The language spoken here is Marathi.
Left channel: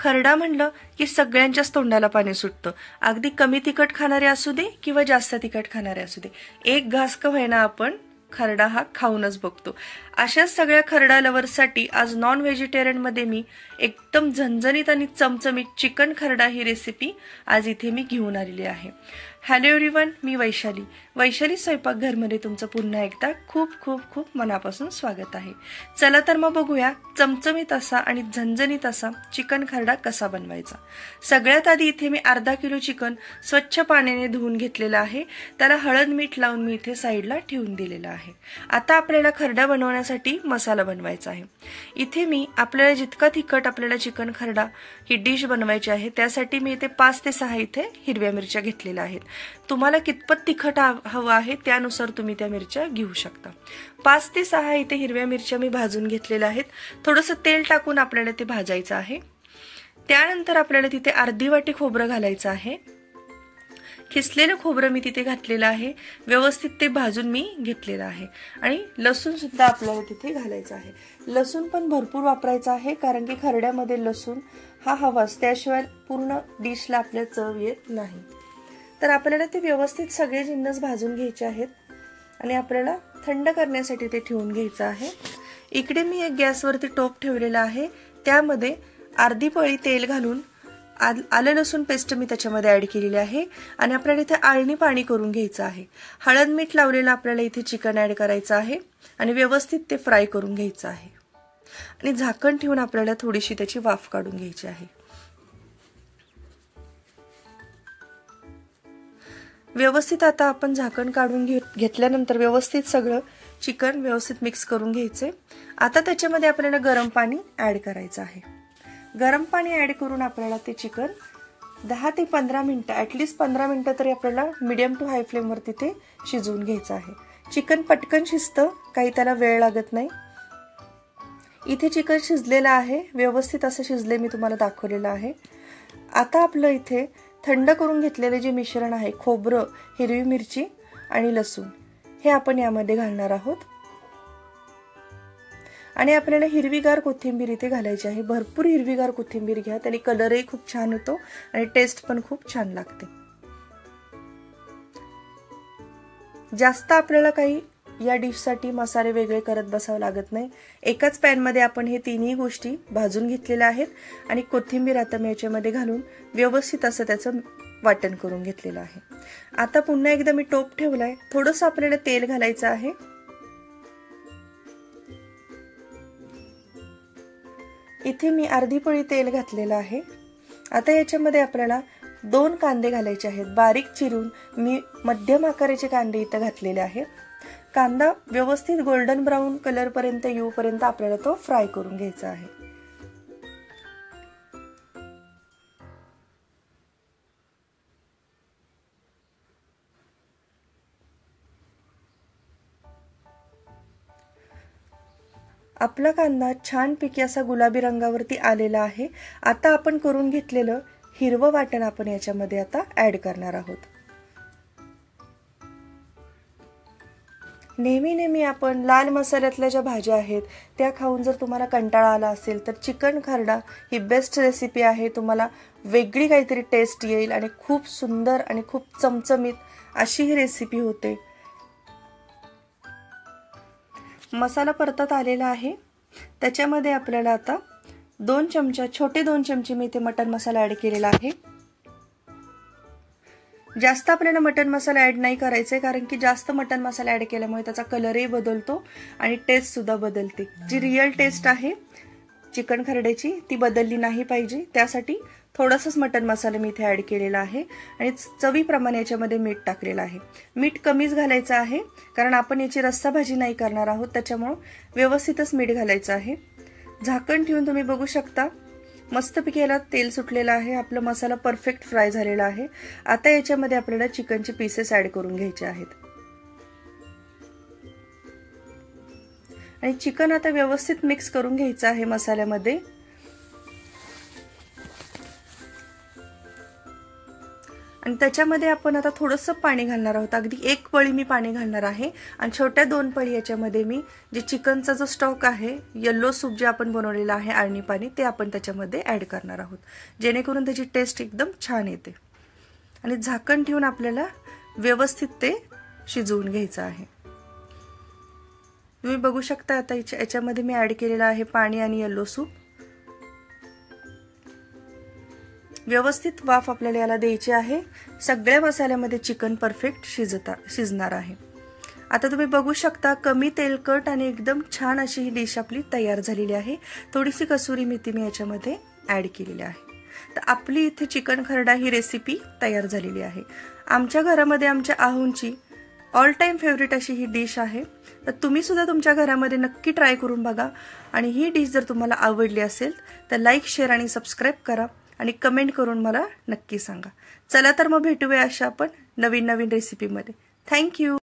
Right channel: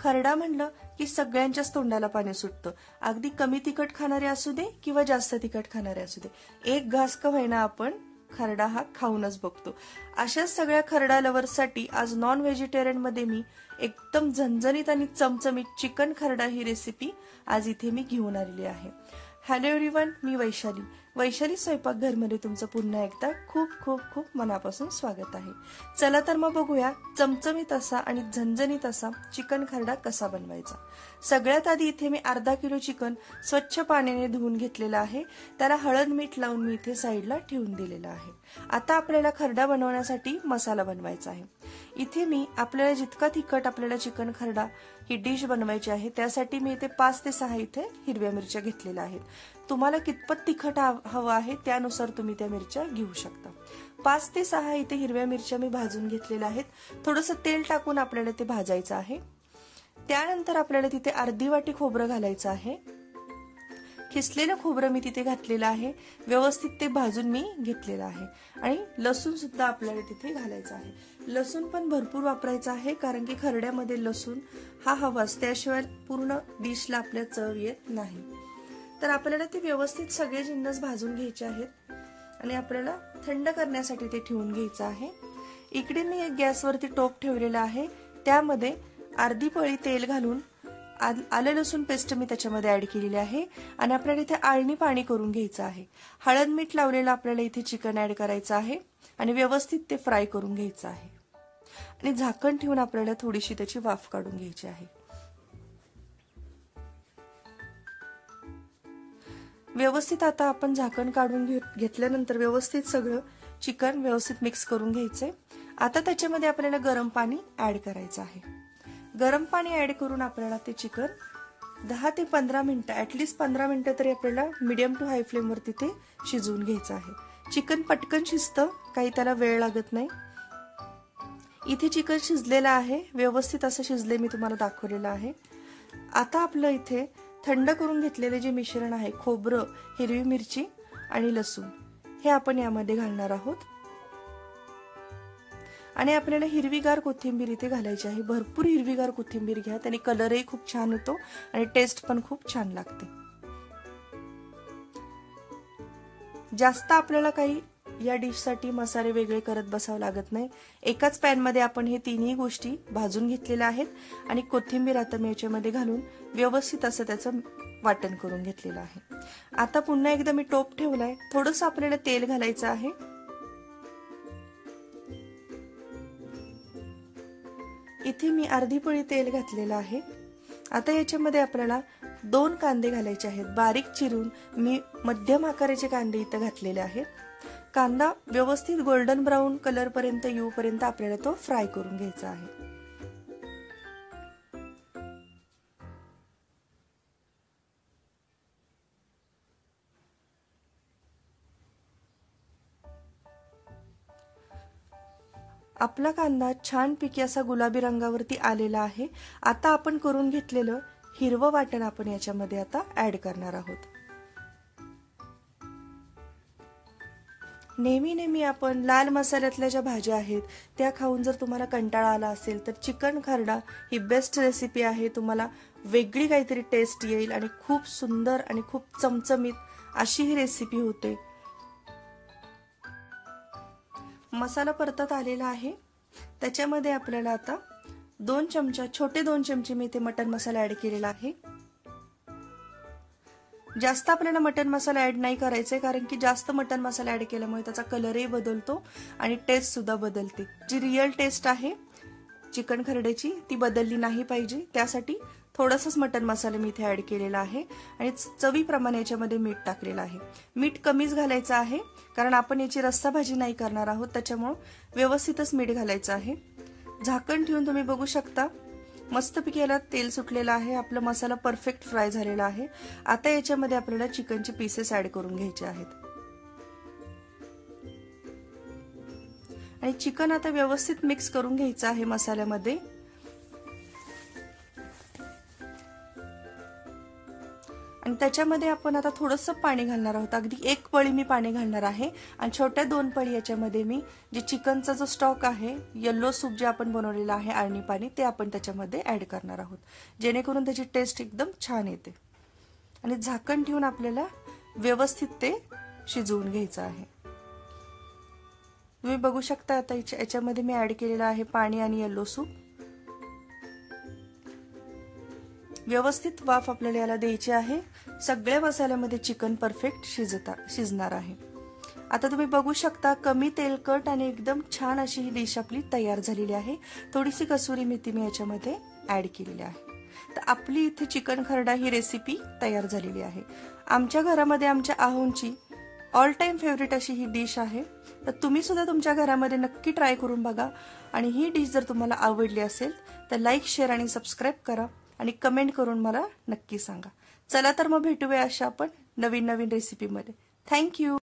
खरडा म्हणलं की सगळ्यांच्याच तोंडाला पाणी सुटतं. अगदी कमी तिखट खाणारे असू दे किंवा जास्त तिखट खाणारे असू दे, एक घास का होईना आपण खरडा हा खाऊनच बघतो. अशाच सगळ्या खरडा लवर्ससाठी आज नॉन व्हेजिटेरियन मध्ये मी एकदम झणझणीत आणि चमचमीत चिकन खरडा ही रेसिपी आज इथे मी घेऊन आलेली आहे. हॅलो एव्हरीवन, मी वैशाली स्वयंपाकघरमध्ये तुमचं पुन्हा एकदा खूप खूप खूप मनापासून स्वागत आहे. चला तर मग बघूया चमचमीत असा आणि झणझणीत असा चिकन खरडा कसा बनवायचा. सगळ्यात आधी इथे मी अर्धा किलो चिकन स्वच्छ पाण्याने धुवून घेतलेलं आहे. त्याला हळद मीठ लावून मी इथे साईडला ठेवून दिलेलं आहे. आता आपल्याला खरडा बनवण्यासाठी मसाला बनवायचा आहे. इथे मी आपल्याला जितका तिखट आपल्याला चिकन खरडा ही डिश बनवायची आहे त्यासाठी मी इथे 5 ते 6 इथे हिरव्या मिरच्या घेतलेल्या आहेत. तुम्हाला कितपत तिखट हवं आहे त्यानुसार तुम्ही त्या मिरच्या घेऊ शकता. 5 ते 6 इथे हिरव्या मिरच्या मी भाजून घेतलेल्या आहेत. थोडंसं तेल टाकून आपल्याला ते भाजायचं आहे. त्यानंतर आपल्याला तिथे अर्धी वाटी खोबरं घालायचं आहे. खिसलेलं खोबरं मी तिथे घातलेलं आहे. व्यवस्थित ते भाजून मी घेतलेलं आहे. आणि लसूण सुद्धा आपल्याला तिथे घालायचं आहे. लसूण पण भरपूर वापरायचं आहे कारण की खरड्यामध्ये लसूण हा हवाच, त्याशिवाय पूर्ण डिशला आपल्या चव येत नाही. तर आपल्याला ते व्यवस्थित सगळे जिन्नस भाजून घ्यायचे आहेत आणि आपल्याला थंड करण्यासाठी ते ठेवून घ्यायचं आहे. इकडे मी एक गॅसवरती टोप ठेवलेला आहे. त्यामध्ये अर्धी पळी तेल घालून आलं लसूण पेस्ट मी त्याच्यामध्ये ऍड केलेली आहे आणि आपल्याला इथे आळणी पाणी करून घ्यायचं आहे. हळद मीठ लावलेलं आपल्याला इथे चिकन ऍड करायचं आहे आणि व्यवस्थित ते फ्राय करून घ्यायचं आहे आणि झाकण ठेवून आपल्याला थोडीशी त्याची वाफ काढून घ्यायची आहे. व्यवस्थित आता आपण झाकण काढून घेतल्यानंतर व्यवस्थित सगळं चिकन व्यवस्थित मिक्स करून घ्यायचे. आता त्याच्यामध्ये आपल्याला गरम पाणी ऍड करायचं आहे. गरम पाणी ऍड करून आपल्याला ते चिकन 10 ते 15 मिनिटं ऍटलीस्ट 15 मिनिटं तरी आपल्याला मीडियम टू हाय फ्लेम वरती ते शिजवून घ्यायचं आहे. चिकन पटकन शिजतं, काही त्याला वेळ लागत नाही. इथे चिकन शिजलेलं आहे, व्यवस्थित असं शिजले मी तुम्हाला दाखवलेलं आहे. आता आपलं इथे थंड करून घेतलेले जे मिश्रण आहे, खोबरं, हिरवी मिरची आणि लसूण, हे आपण यामध्ये घालणार आहोत. आणि आपल्याला हिरवीगार कोथिंबीर इथे घालायची आहे. भरपूर हिरवीगार कोथिंबीर घ्या, त्याने कलरही खूप छान येतो आणि टेस्ट पण खूप छान लागते. जास्त आपल्याला काही या डिशसाठी मसाले वेगळे करत बसावं लागत नाही. एकाच पॅन मध्ये आपण हे तिन्ही गोष्टी भाजून घेतलेल्या आहेत आणि कोथिंबीर आता मी याच्यामध्ये घालून व्यवस्थित असं त्याचं वाटण करून घेतलेलं आहे. आता पुन्हा एकदा मी टोप ठेवलाय. थोडंसं आपल्याला तेल घालायचं आहे. इथे मी अर्धी पळी तेल घातलेलं आहे. आता याच्यामध्ये आपल्याला 2 कांदे घालायचे आहेत. बारीक चिरून मी मध्यम आकाराचे कांदे इथं घातलेले आहेत. कांदा व्यवस्थित गोल्डन ब्राऊन कलर पर्यंत येऊपर्यंत आपल्याला तो फ्राय करून घ्यायचा आहे. आपला कांदा छानपैकी असा गुलाबी रंगावरती आलेला आहे. आता आपण करून घेतलेलं हिरवं वाटण आपण याच्यामध्ये आता ऍड करणार आहोत. नेहमी आपण लाल मसाल्यातल्या ज्या भाज्या आहेत त्या खाऊन जर तुम्हाला कंटाळा आला असेल तर चिकन खरडा ही बेस्ट रेसिपी आहे. तुम्हाला वेगळी काहीतरी टेस्ट येईल आणि खूप सुंदर आणि खूप चमचमीत अशी ही रेसिपी होते. मसाला परतत आलेला आहे. त्याच्यामध्ये आपल्याला आता छोटे 2 चमचे मी इथे मटन मसाला ऍड केलेला आहे. जास्त आपल्याला मटन मसाला ऍड नाही करायचा कारण की जास्त मटन मसाला ऍड केल्यामुळे त्याचा कलरही बदलतो आणि टेस्ट सुद्धा बदलते. जी रिअल टेस्ट आहे चिकन खरड्याची ती बदलली नाही पाहिजे, त्यासाठी थोडासाच मटन मसाला मी इथे ऍड केलेला आहे आणि चवीप्रमाणे याच्यामध्ये मीठ टाकलेलं आहे. मीठ कमीच घालायचं आहे कारण आपण याची रस्सा भाजी नाही करणार आहोत, त्याच्यामुळे व्यवस्थितच मीठ घालायचं आहे. झाकण ठेवून तुम्ही बघू शकता मस्तपैकी याला तेल सुटलेलं आहे. आपला मसाला परफेक्ट फ्राय झालेला आहे. आता याच्यामध्ये आपल्याला चिकनचे पीसेस ऍड करून घ्यायचे आहेत आणि चिकन आता व्यवस्थित मिक्स करून घ्यायचं आहे मसाल्यामध्ये. आणि त्याच्यामध्ये आपण आता थोडंसं पाणी घालणार आहोत. अगदी 1 पळी मी पाणी घालणार आहे आणि छोट्या 2 पळी याच्यामध्ये मी जे चिकनचा जो स्टॉक आहे, येलो सूप जे आपण बनवलेलं आहे अळणी पाणी, ते आपण त्याच्यामध्ये ऍड करणार आहोत, जेणेकरून त्याची टेस्ट एकदम छान येते. आणि झाकण ठेवून आपल्याला व्यवस्थित ते शिजवून घ्यायचं आहे. तुम्ही बघू शकता आता याच्यामध्ये मी ऍड केलेलं आहे पाणी आणि येलो सूप. व्यवस्थित वाफ आपल्याला याला द्यायची आहे. सगळ्या मसाल्यामध्ये चिकन परफेक्ट शिजणार आहे. आता तुम्ही बघू शकता कमी तेलकट आणि एकदम छान अशी ही डिश आपली तयार झालेली आहे. थोडीशी कसुरी मेथी मी याच्यामध्ये ऍड केलेली आहे. तर आपली इथे चिकन खरडा ही रेसिपी तयार झालेली आहे. आमच्या घरामध्ये आमच्या आहूंची ऑल टाइम फेवरेट अशी ही डिश आहे. तर तुम्ही सुद्धा तुमच्या घरामध्ये नक्की ट्राय करून बघा. आणि ही डिश जर तुम्हाला आवडली असेल तर लाईक, शेअर आणि सबस्क्राईब करा आणि कमेंट करून मला नक्की सांगा. चला तर मग भेटूया अशा आपण नवीन रेसिपीमध्ये. थँक्यू.